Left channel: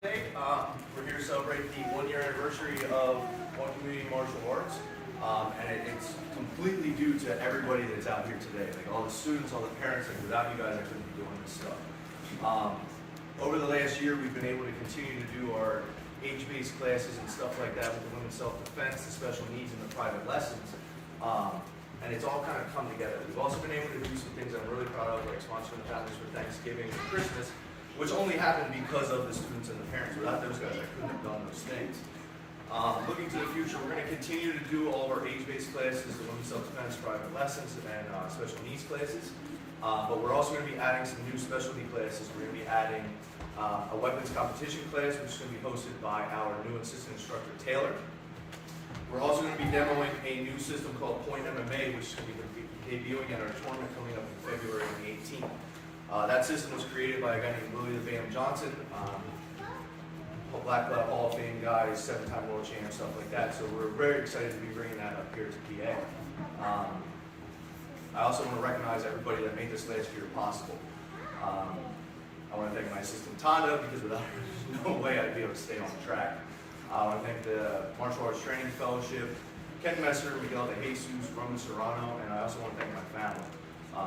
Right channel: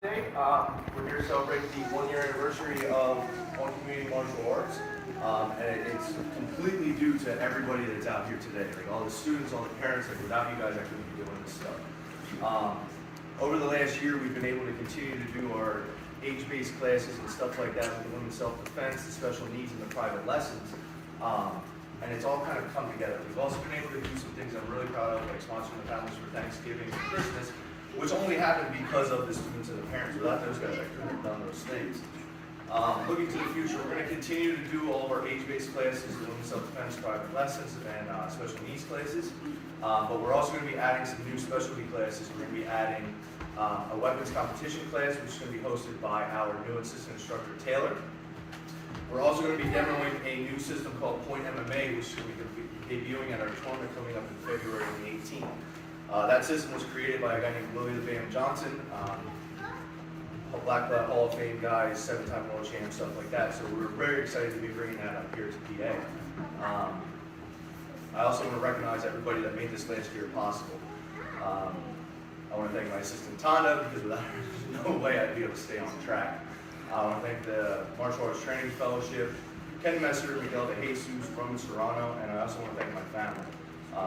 Today, we're here to celebrate the 1-year anniversary of One Community Martial Arts, and it's completely due to everybody that's out here today, like all the students, all the parents. Like without you guys, I couldn't be doing this stuff. Over the last year, we've been able to continue to do our age-based classes and stuff like that with the women's self-defense, the special needs, and the private lessons. And it's all kind of come together. We've also been able to do some things I'm really proud of, like sponsoring families for Thanksgiving and Christmas, which only happened because of the students and the parents. Without those guys, I couldn't have done those things. Looking to the future, we're going to continue to do all of our age-based classes, the women's self-defense, private lessons, and special needs classes. But we're also going to be adding some new specialty classes. We're going to be adding a weapons competition class, which is going to be hosted by our new assistant instructor, Taylor. We're also going to be demoing a new system called Point MMA, which we're going to be debuting at our tournament coming up in February 18th. That system was created by a guy named Willie the Bam Johnson, a Black Belt Hall of Fame guy, 7-time world champ, stuff like that. So we're very excited to be bringing that up here to PA. I also want to recognize everybody that made this last year possible. I want to thank my assistant Tonda, because without her, there's no way I'd be able to stay on track. I want to thank the Martial Arts Training Fellowship, Ken Messer, Miguel de Jesus from Serrano, and I also want to thank my family.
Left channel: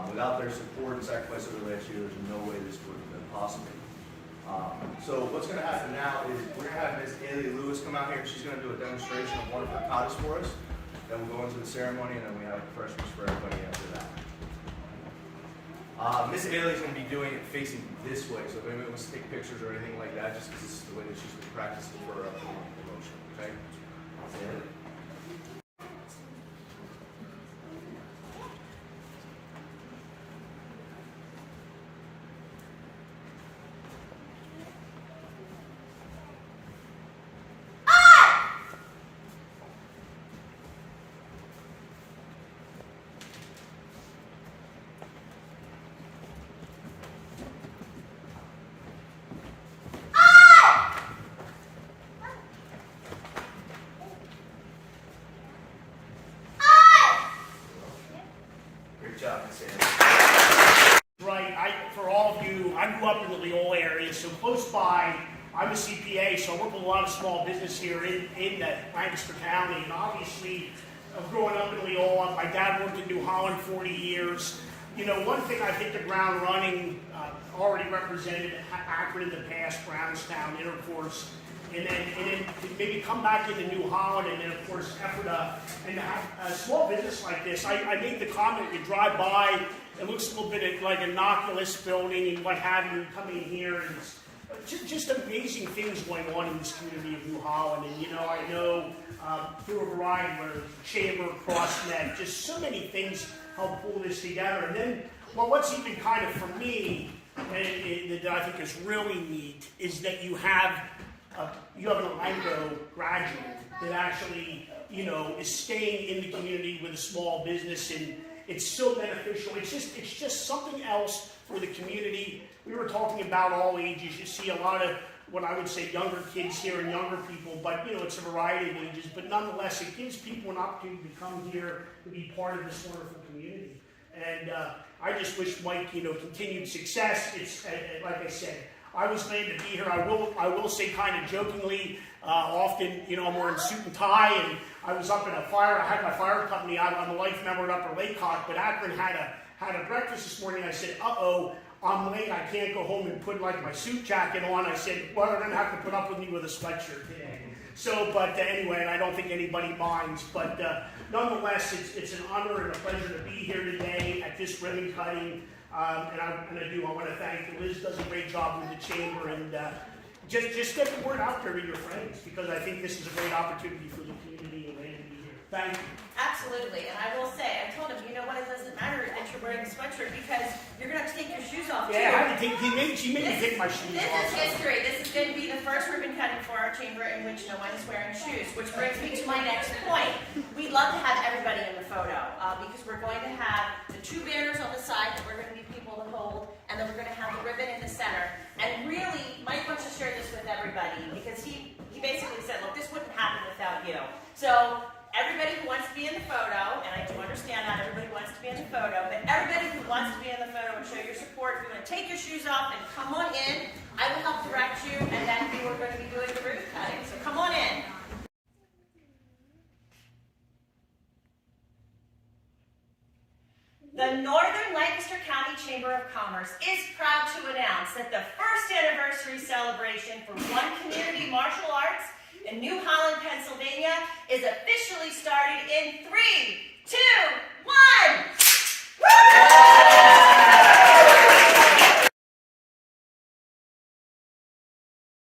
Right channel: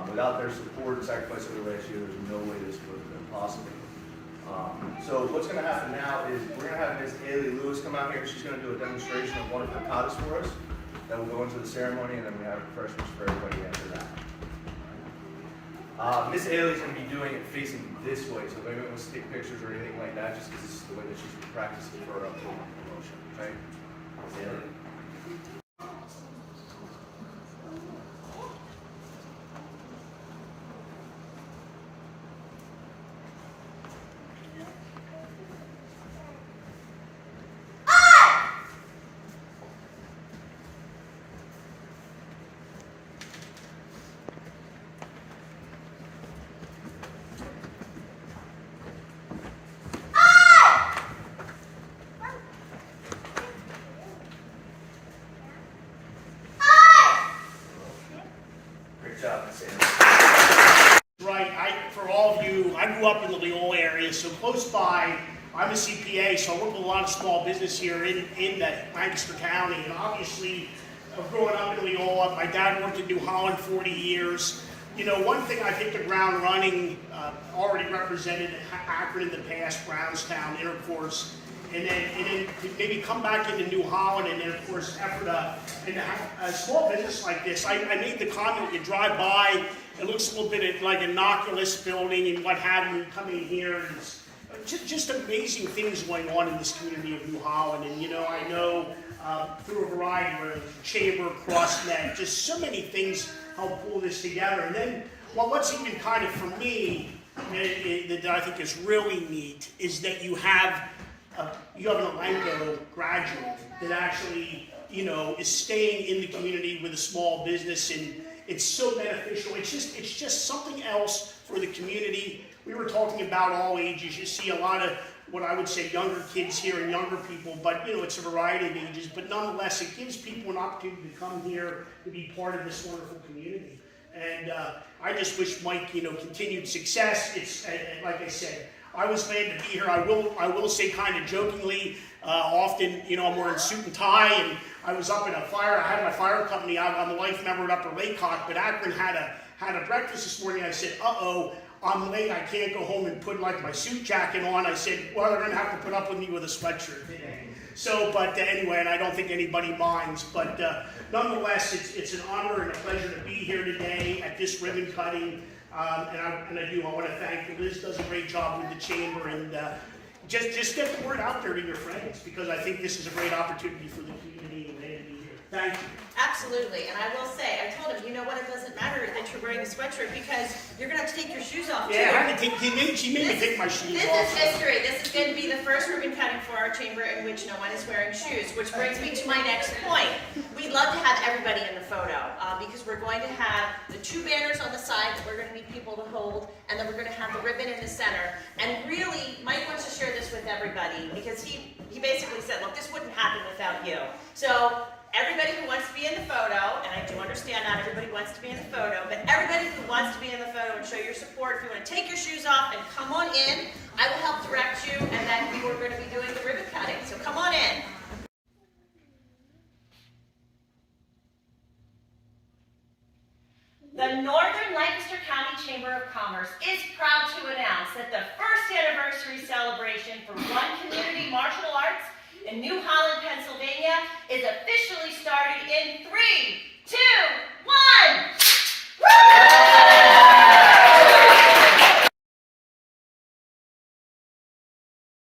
Without their support and sacrifice over the last year, there's no way this would have been possible. So what's going to happen now is we're going to have Ms. Haley Lewis come out here, and she's going to do a demonstration of one of her katas for us. Then we'll go into the ceremony, and then we have refreshments for everybody after that. Ms. Haley's going to be doing it facing this way, so if anybody wants to take pictures or anything like that, just because this is the way that she's been practicing for her upcoming promotion. Okay? Ms. Haley? Right, for all of you, I grew up in the Leola area, so close by. I'm a CPA, so I work with a lot of small business here in the Lancaster County, and obviously, growing up in Leola, my dad worked in New Holland 40 years. You know, one thing I hit the ground running, already represented Akron in the past, Brownstown, Intercourse, and then maybe come back into New Holland, and then of course Ephrata. And to have a small business like this, I made the comment, you drive by, it looks a little bit like an innocuous building and what have you, coming in here, and it's just amazing things going on in this community of New Holland. And you know, I know through a variety of chamber, CrossNet, just so many things help pull this together. And then, well, what's even kind of for me, that I think is really neat, is that you have an Elanco graduate that actually, you know, is staying in the community with a small business, and it's so beneficial. It's just something else for the community. We were talking about all ages. You see a lot of what I would say younger kids here and younger people, but you know, it's a variety of ages. But nonetheless, it gives people an opportunity to come here to be part of this wonderful community. And I just wish Mike, you know, continued success. It's like I said, I was glad to be here. I will say kind of jokingly, often, you know, I'm wearing suit and tie, and I was up in a fire. I had my fire company. I'm a life member at Upper Lake Hawk, but Akron had a breakfast this morning. I said, uh-oh, I'm late. I can't go home and put like my suit jacket on. I said, well, they're gonna have to put up with me with a sweatshirt today. So, but anyway, and I don't think anybody minds, but nonetheless, it's an honor and a pleasure to be here today at this ribbon cutting. And I want to thank Liz. Does a great job with the chamber, and just get the word out there to your friends, because I think this is a great opportunity for the community and they to be here. Thank you. Absolutely, and I will say, I told him, you know what, it doesn't matter that you're wearing a sweatshirt, because you're going to have to take your shoes off too. Yeah, I had to take, she made me take my shoes off. This is history. This is going to be the first ribbon cutting for our chamber in which no one is wearing shoes, which brings me to my next point. We'd love to have everybody in the photo, because we're going to have the 2 banners on the side that we're going to need people to hold, and then we're going to have the ribbon in the center. And really, Mike wants to share this with everybody, because he basically said, look, this wouldn't happen without you. So everybody who wants to be in the photo, and I do understand not everybody wants to be in the photo, but everybody who wants to be in the photo and show your support, if you want to take your shoes off and come on in, I will help direct you, and then we will go The Northern Lancaster County Chamber of Commerce is proud to announce that the first anniversary celebration for One Community Martial Arts in New Holland, Pennsylvania is officially started in 3,